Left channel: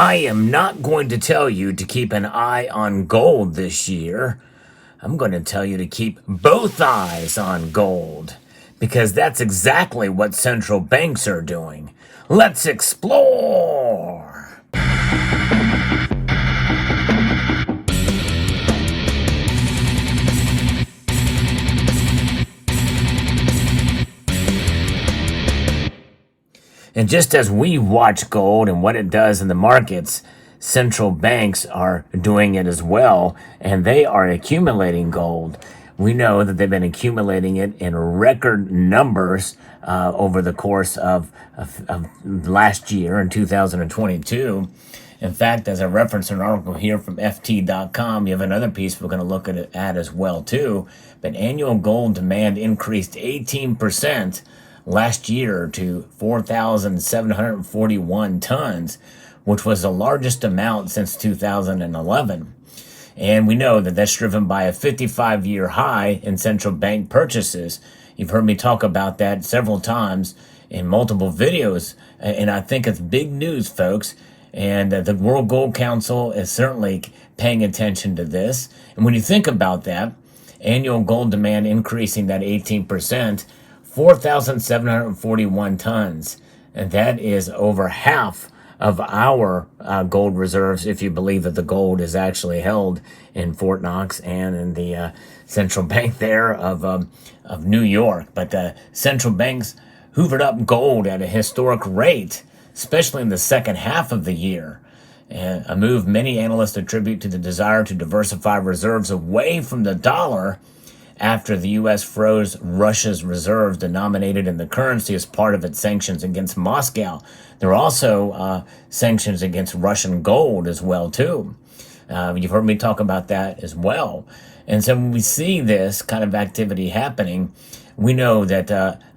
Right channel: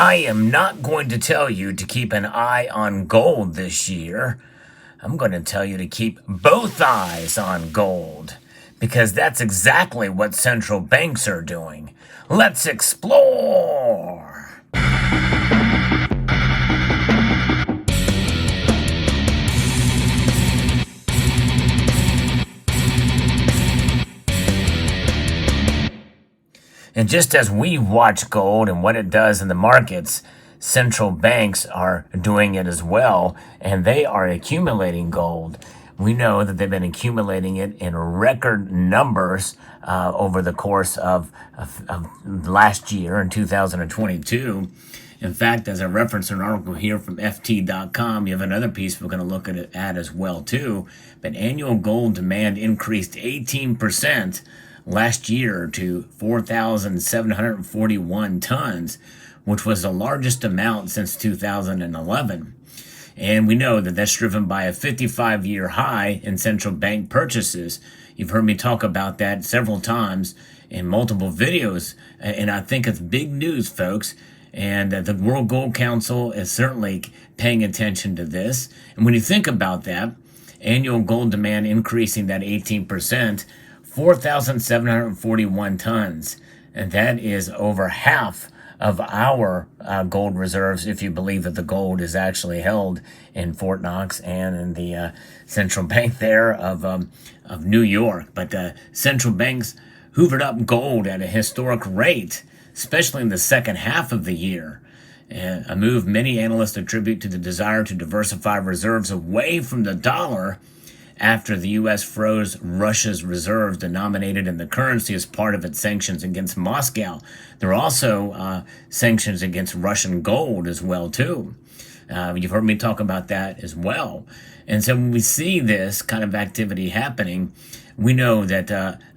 I am not going to tell you to keep an eye on gold this year. I'm going to tell you to keep both eyes on gold because that's exactly what central banks are doing. Let's explore. And just as we watch gold and what it does in the markets, central banks are doing it as well, and they are accumulating gold. We know that they've been accumulating it in record numbers over the course of last year in 2022. In fact, as I referenced an article here from FT.com, you have another piece we're going to look at as well too. But annual gold demand increased 18% last year to 4,741 tons, which was the largest amount since 2011. And we know that that's driven by a 55-year high in central bank purchases. You've heard me talk about that several times in multiple videos, and I think it's big news, folks. And the World Gold Council is certainly paying attention to this. And when you think about that, annual gold demand increasing that 18%, 4,741 tons, and that is over half of our gold reserves, if you believe that the gold is actually held in Fort Knox and in the central bank there of New York. But central banks hoovered up gold at a historic rate, especially in the second half of the year. A move many analysts attribute to the desire to diversify reserves away from the dollar after the U.S. froze Russia's reserves denominated in the currency as part of its sanctions against Moscow. There are also sanctions against Russian gold as well, too. You've heard me talk about that as well. And so when we see this kind of activity happening, we know that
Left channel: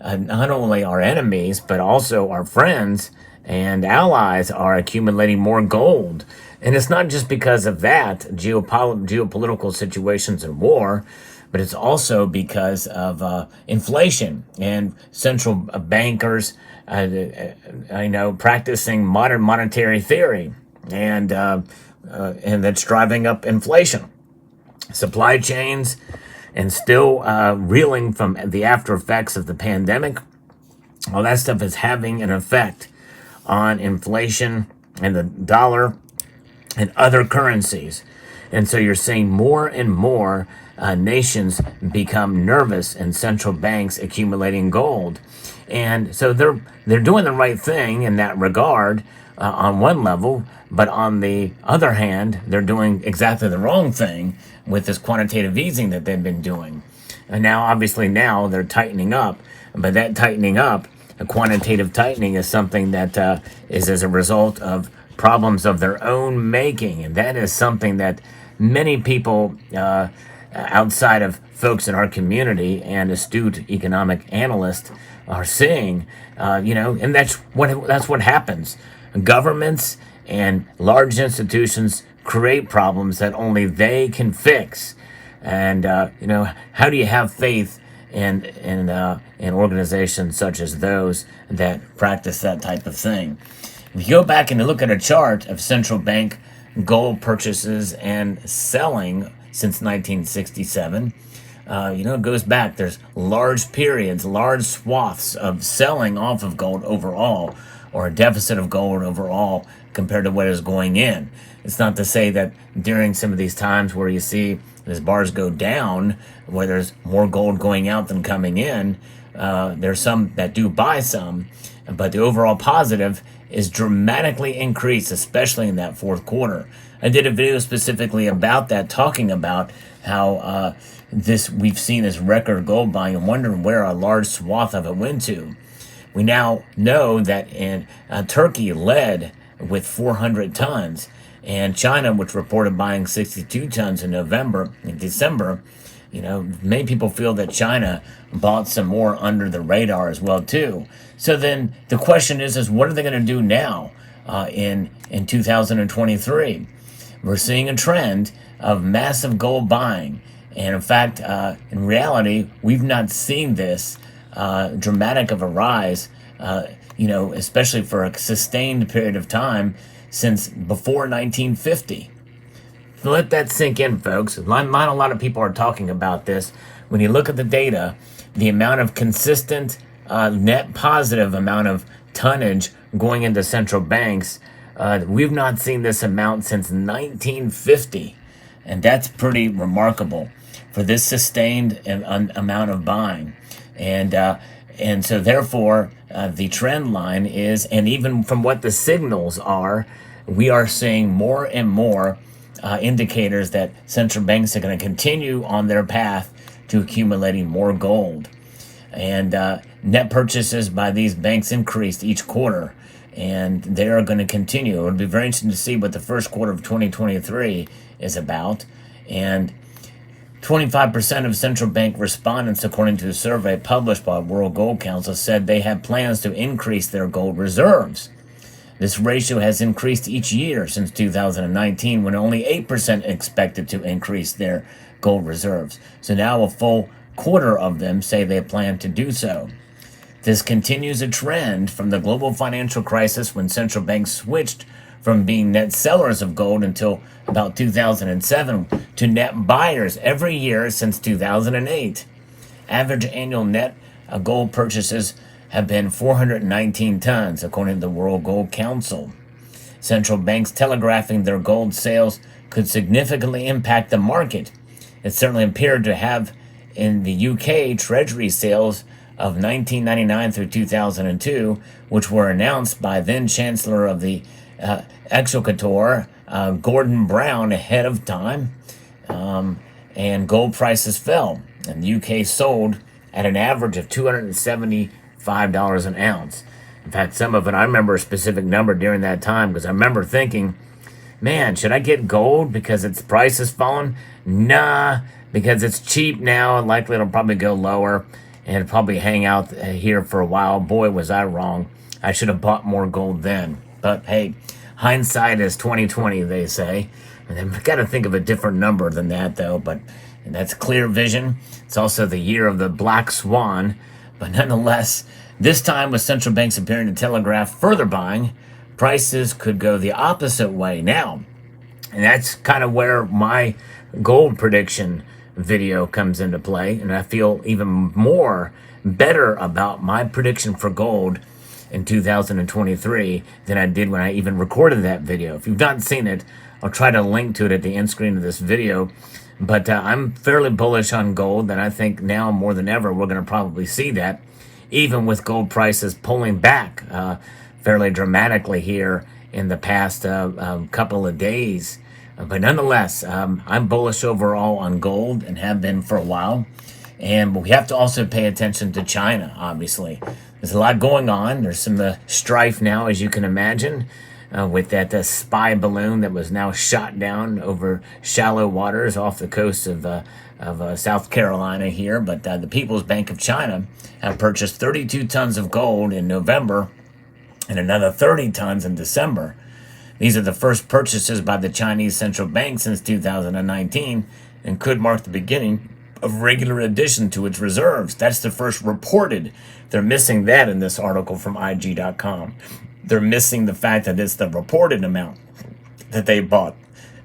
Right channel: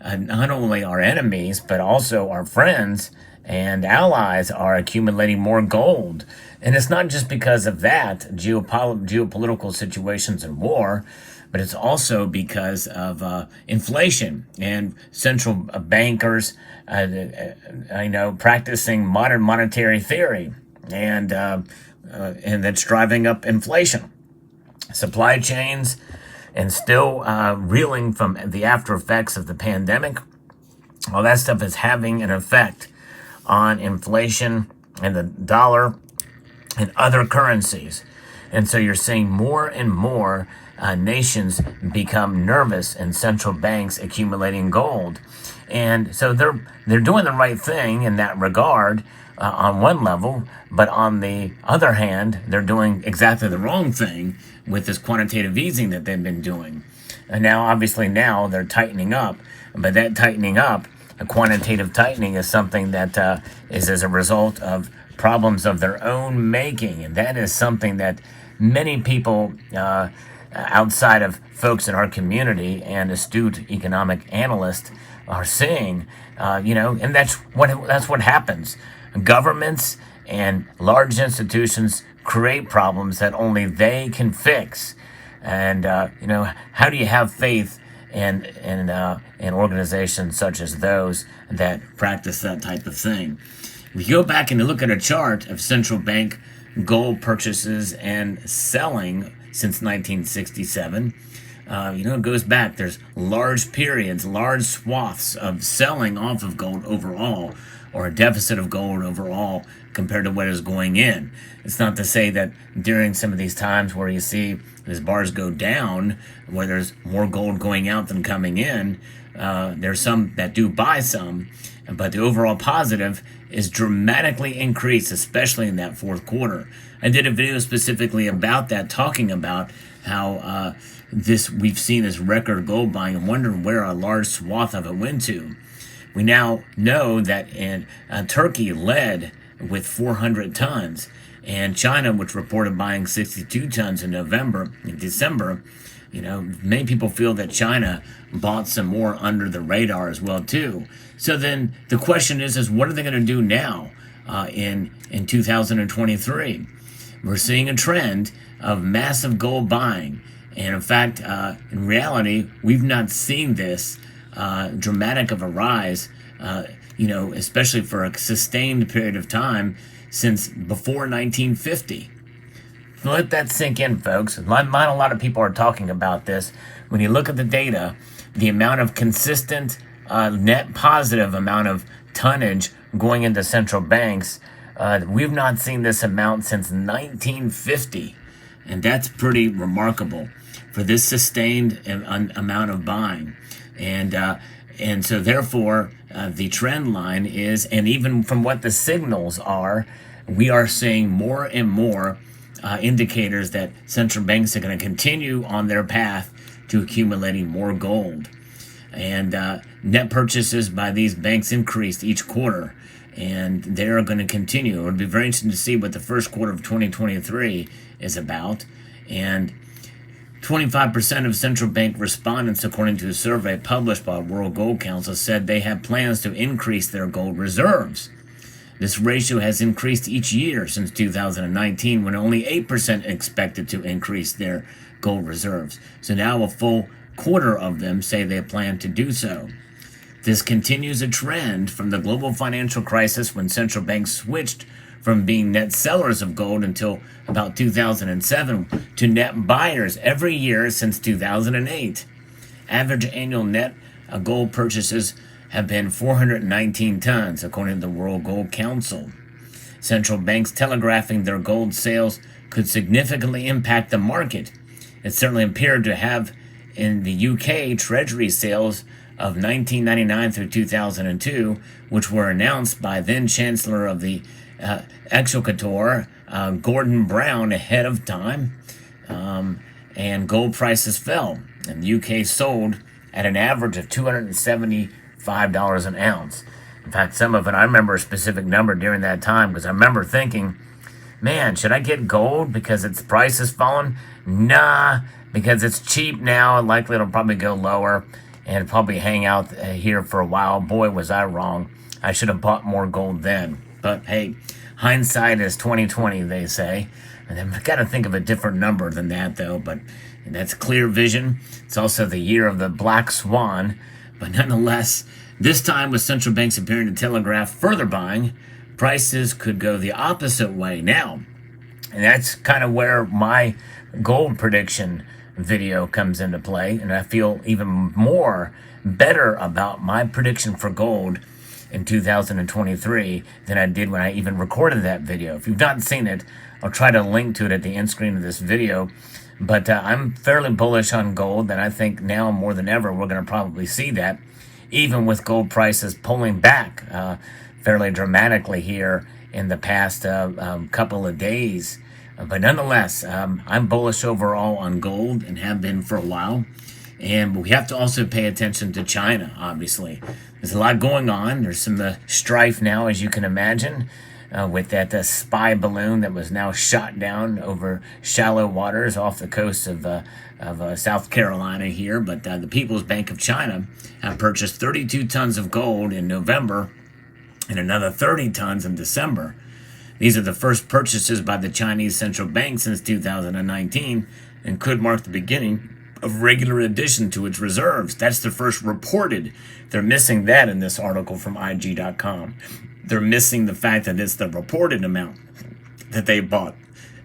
not only our enemies, but also our friends and allies are accumulating more gold. And it's not just because of that, geopolitical situations and war, but it's also because of inflation and central bankers, practicing modern monetary theory, and that's driving up inflation. Supply chains, and still reeling from the after effects of the pandemic. All that stuff is having an effect on inflation and the dollar and other currencies. And so you're seeing more and more nations become nervous and central banks accumulating gold. And so they're doing the right thing in that regard on one level, but on the other hand, they're doing exactly the wrong thing with this quantitative easing that they've been doing. And now they're tightening up, but that tightening up, the quantitative tightening, is something that is as a result of problems of their own making. And that is something that many people outside of folks in our community and astute economic analysts are seeing, and that's what happens. Governments and large institutions create problems that only they can fix. And, how do you have faith in organizations such as those that practice that type of thing? If you go back and you look at a chart of central bank gold purchases and selling since 1967, it goes back. There's large periods, large swaths of selling off of gold overall, or a deficit of gold overall compared to what is going in. It's not to say that during some of these times where you see these bars go down, where there's more gold going out than coming in, there's some that do buy some, but the overall positive is dramatically increased, especially in that fourth quarter. I did a video specifically about that, talking about how we've seen this record gold buying and wondering where a large swath of it went to. We now know that in Turkey led with 400 tons, and China, which reported buying 62 tons in December, many people feel that China bought some more under the radar as well too. So then the question is what are they going to do now in 2023? We're seeing a trend of massive gold buying. And in fact, in reality, we've not seen this dramatic of a rise especially for a sustained period of time since before 1950. Let that sink in, folks. Not a lot of people are talking about this. When you look at the data, the amount of consistent net positive amount of tonnage going into central banks, we've not seen this amount since 1950. And that's pretty remarkable for this sustained amount of buying. And so therefore, the trend line is, and even from what the signals are, we are seeing more and more indicators that central banks are going to continue on their path to accumulating more gold. And net purchases by these banks increased each quarter, and they're going to continue. It would be very interesting to see what the first quarter of 2023 is about. And 25% of central bank respondents, according to a survey published by World Gold Council, said they have plans to increase their gold reserves. This ratio has increased each year since 2019, when only 8% expected to increase their gold reserves. So now a full quarter of them say they plan to do so. This continues a trend from the global financial crisis, when central banks switched from being net sellers of gold until about 2007 to net buyers every year since 2008. Average annual net gold purchases have been 419 tons, according to the World Gold Council. Central banks telegraphing their gold sales could significantly impact the market. It certainly appeared to have in the UK Treasury sales of 1999 through 2002, which were announced by then Chancellor of the Exchequer, Gordon Brown, ahead of time, and gold prices fell. And the UK sold at an average of $275 an ounce. In fact, some of it, I remember a specific number during that time, because I remember thinking, man, should I get gold because its price has fallen? Nah, because it's cheap now, and likely it'll probably go lower and probably hang out here for a while. Boy, was I wrong. I should have bought more gold then. But hey, hindsight is 20/20, they say. And I've got to think of a different number than that, though. But that's clear vision. It's also the year of the black swan. But nonetheless, this time with central banks appearing to telegraph further buying, prices could go the opposite way now. And that's kind of where my gold prediction video comes into play. And I feel even more better about my prediction for gold in 2023 than I did when I even recorded that video. If you've not seen it, I'll try to link to it at the end screen of this video. But I'm fairly bullish on gold, and I think now more than ever we're going to probably see that, even with gold prices pulling back fairly dramatically here in the past couple of days. But nonetheless, I'm bullish overall on gold and have been for a while. And we have to also pay attention to China, obviously. There's a lot going on. There's some strife now, as you can imagine, with that spy balloon that was now shot down over shallow waters off the coast of South Carolina here. But the People's Bank of China have purchased 32 tons of gold in November and another 30 tons in December. These are the first purchases by the Chinese central bank since 2019 and could mark the beginning of regular addition to its reserves. That's the first reported. They're missing that in this article from IG.com. They're missing the fact that it's the reported amount that they bought.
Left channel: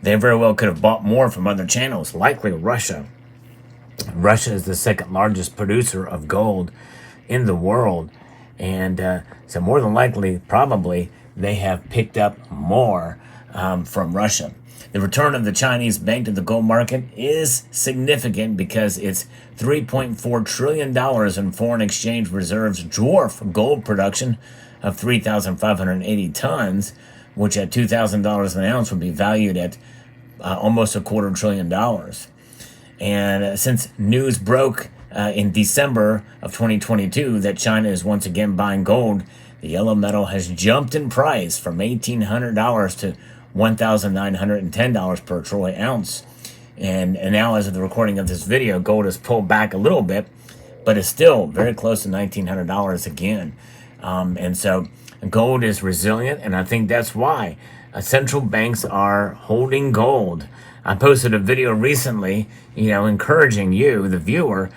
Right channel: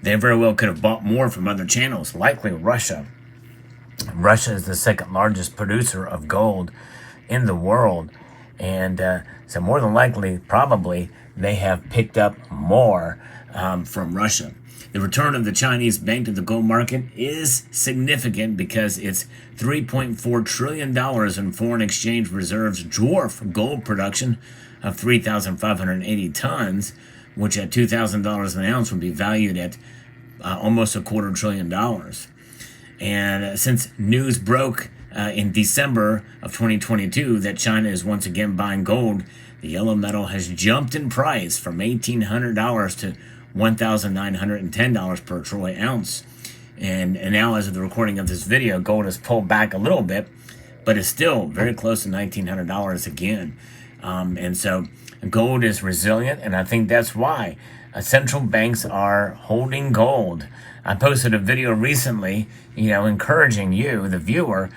They very well could have bought more from other channels, likely Russia. Russia is the second largest producer of gold in the world. And so more than likely, probably, they have picked up more from Russia. The return of the Chinese bank to the gold market is significant because its $3.4 trillion in foreign exchange reserves dwarf gold production of 3,580 tons, which at $2,000 an ounce would be valued at almost $250 billion. And since news broke in December of 2022 that China is once again buying gold, the yellow metal has jumped in price from $1,800 to $1,910 per troy ounce. And now, as of the recording of this video, gold has pulled back a little bit, but is still very close to $1,900 again. And so gold is resilient, and I think that's why central banks are holding gold. I posted a video recently, encouraging you, the viewer,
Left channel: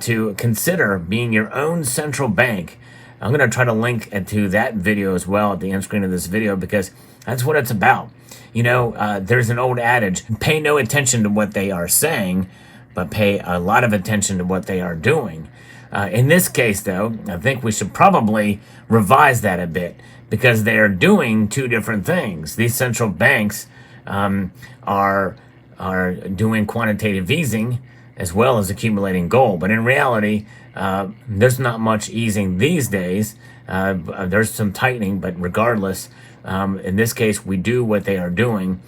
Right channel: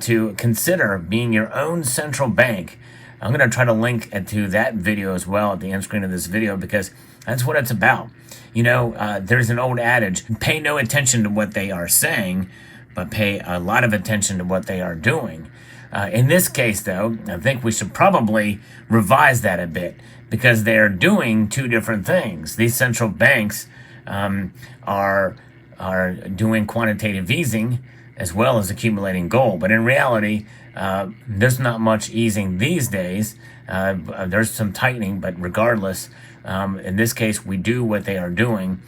to consider being your own central bank. I'm going to try to link to that video as well at the end screen of this video, because that's what it's about. There's an old adage, pay no attention to what they are saying, but pay a lot of attention to what they are doing. In this case, though, I think we should probably revise that a bit, because they are doing two different things. These central banks are doing quantitative easing as well as accumulating gold. But in reality, there's not much easing these days. There's some tightening, but regardless, in this case, we do what they are doing,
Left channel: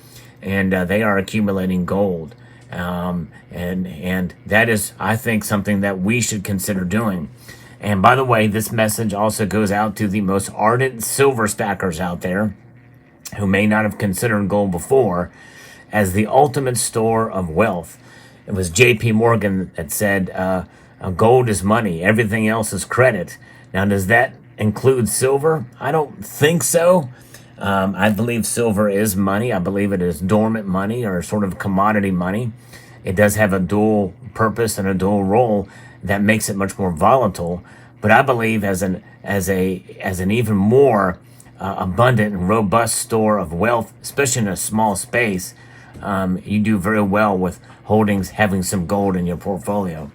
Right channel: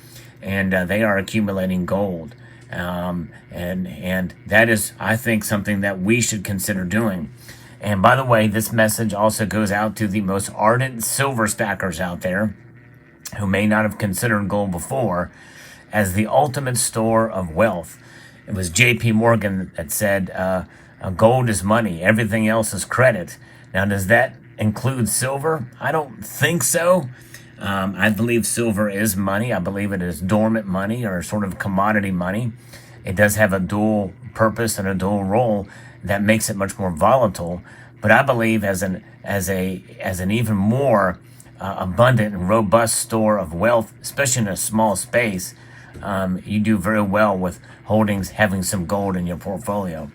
and they are accumulating gold. And that is, I think, something that we should consider doing. And by the way, this message also goes out to the most ardent silver stackers out there who may not have considered gold before as the ultimate store of wealth. It was J.P. Morgan that said, gold is money, everything else is credit. Now, does that include silver? I don't think so. I believe silver is money. I believe it is dormant money, or sort of commodity money. It does have a dual purpose and a dual role that makes it much more volatile. But I believe as an even more abundant and robust store of wealth, especially in a small space, you do very well with having some gold in your portfolio.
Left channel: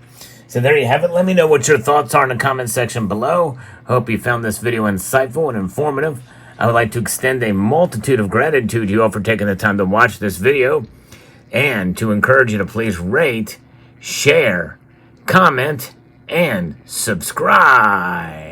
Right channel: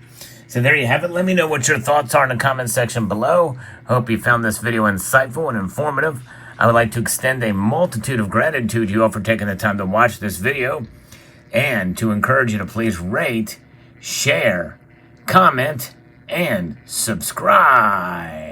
So there you have it. Let me know what your thoughts are in the comment section below. Hope you found this video insightful and informative. I would like to extend a multitude of gratitude to you all for taking the time to watch this video, and to encourage you to please rate, share, comment, and subscribe.